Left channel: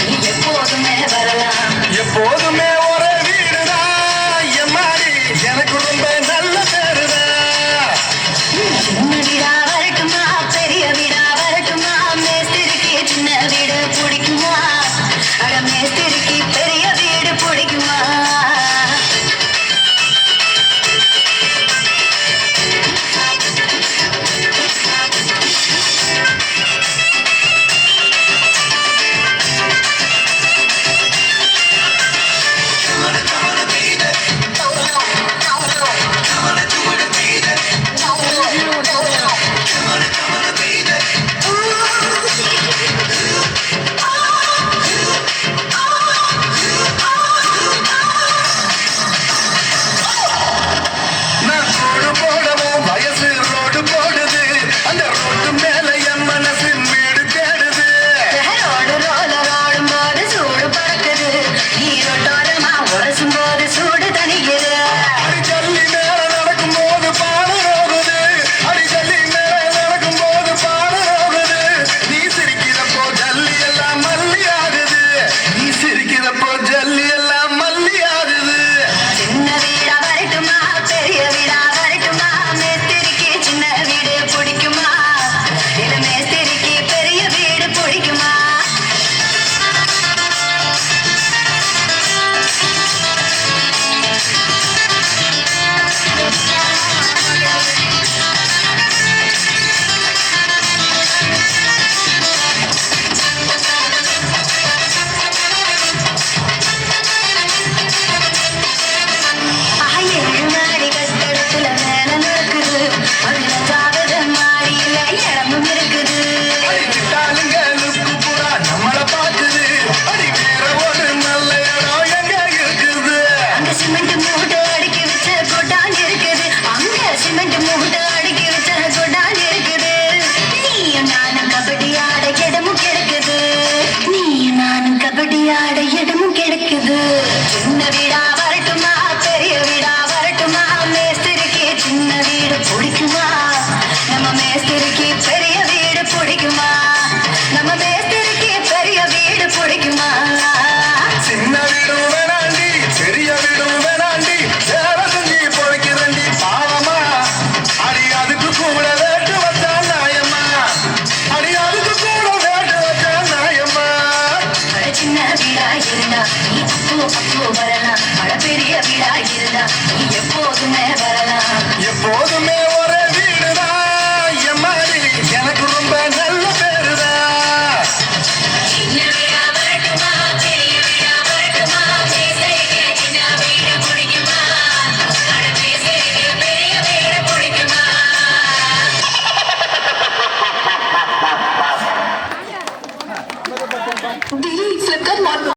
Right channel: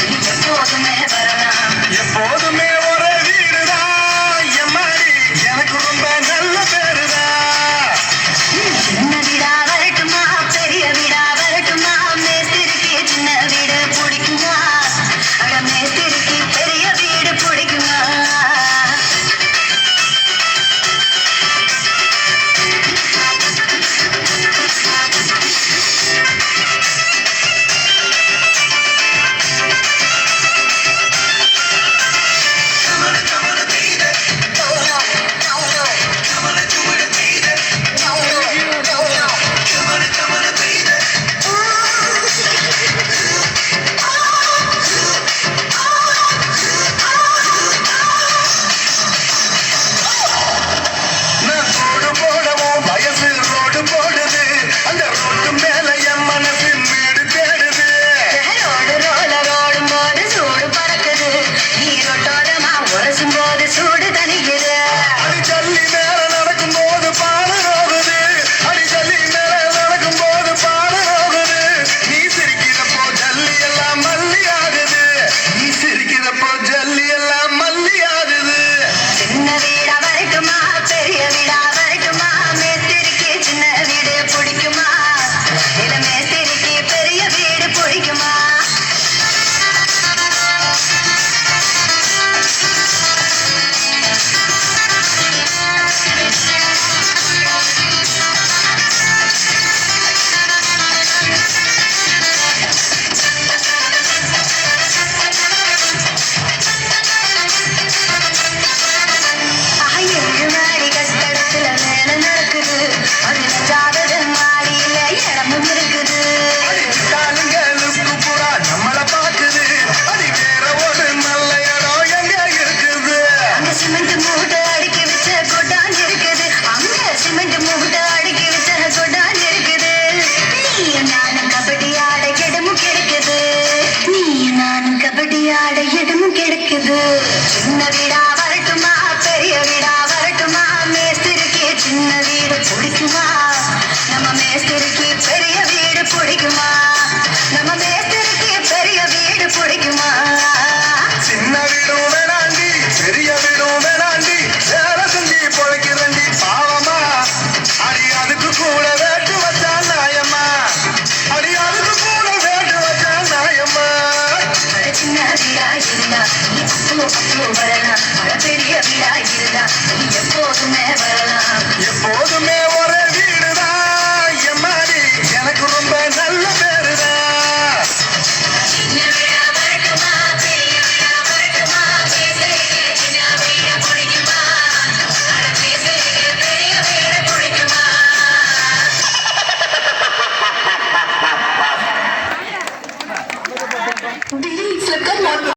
நீ எப்போதுமே வரலாம். எப்போதுமே ஒரே வீடுதான் எம்மாடி, எனக்கு ரொம்ப நல்ல பேருதான். சின்ன வீடா வரட்டுமா பெரிய வீடா வரட்டுமா, மேஸ்திரிக்கு சின்ன வீடு பிடிக்குமா, அட மேஸ்திரிக்கு பெரிய வீடு பிடிக்குமா. நான் ரோடு போடவும் வயசு ரோடு போடுது, அந்த ரோட்டு மேல என் மனசு வீடு தேடுது. ரோடு ரோலர் ஓடும் போது சூடு பறக்குது, நீரோட்டோரமா உரசும் போது சூடு தணிக்குது. அடிச்சல்லி மேல நடக்கும் போது பாடரோகுது, அடிச்சல்லி மேல நடக்கும் போது பாடரோகுது. நீ சிரிக்கிறப்போ ஜல்லி எல்லாம் மல்லி ஆகுது, நீ சிரிக்கிறப்போ ஜல்லி எல்லாம் மல்லி ஆகுது. சின்ன வீடா வரட்டுமா பெரிய வீடா வரட்டுமா, மேஸ்திரிக்கு சின்ன வீடு பிடிக்குமா, இல்ல மேஸ்திரிக்கு பெரிய வீடு பிடிக்குமா. ஏழு மாடி கட்டடத்துல வேலை நடக்குது, 15வது மாடியில இடமும் இருக்குது. அடிச்சிட்டாலுங்க லுக்கு புறா நம்மள பாக்குது, அடி வேற ஒரு நல்ல இடம் எங்க இருக்குது. அங்க சிமெண்ட் மூட்டை அடுக்கி வச்ச கொட்டான் இருக்குது, அங்க சிமெண்ட் மூட்டை அடுக்கி வச்ச கொட்டான் இருக்குது. நீ நானும் கபடி ஆட இடமும் கிடைக்குது, நீ நானும் கபடி ஆட இடமும் கிடைக்குது. சின்ன வீடா வரட்டுமா பெரிய வீடா வரட்டுமா, மேஸ்திரிக்கு சின்ன வீடு பிடிக்குமா, நம்ம மேஸ்திரிக்கு பெரிய வீடு பிடிக்குமா, நம்ம மேஸ்திரிக்கு பெரிய வீடு பிடிக்குமா. சின்ன வீடும் வேணாண்டி பெரிய வீடும் வேணாண்டி, வேலை செஞ்சு பொழைக்கிறண்டி பாவமா, அடி அதுக்கு கூட வேட்டு வச்சா நாயம்மா, அடி அதுக்கு கூட வேட்டு வச்சா நாயம்மா. அட சின்ன வீடா இருந்தா நீ அப்போ வரலாம், அட பெரிய வீடா இருந்தா நீ எப்போது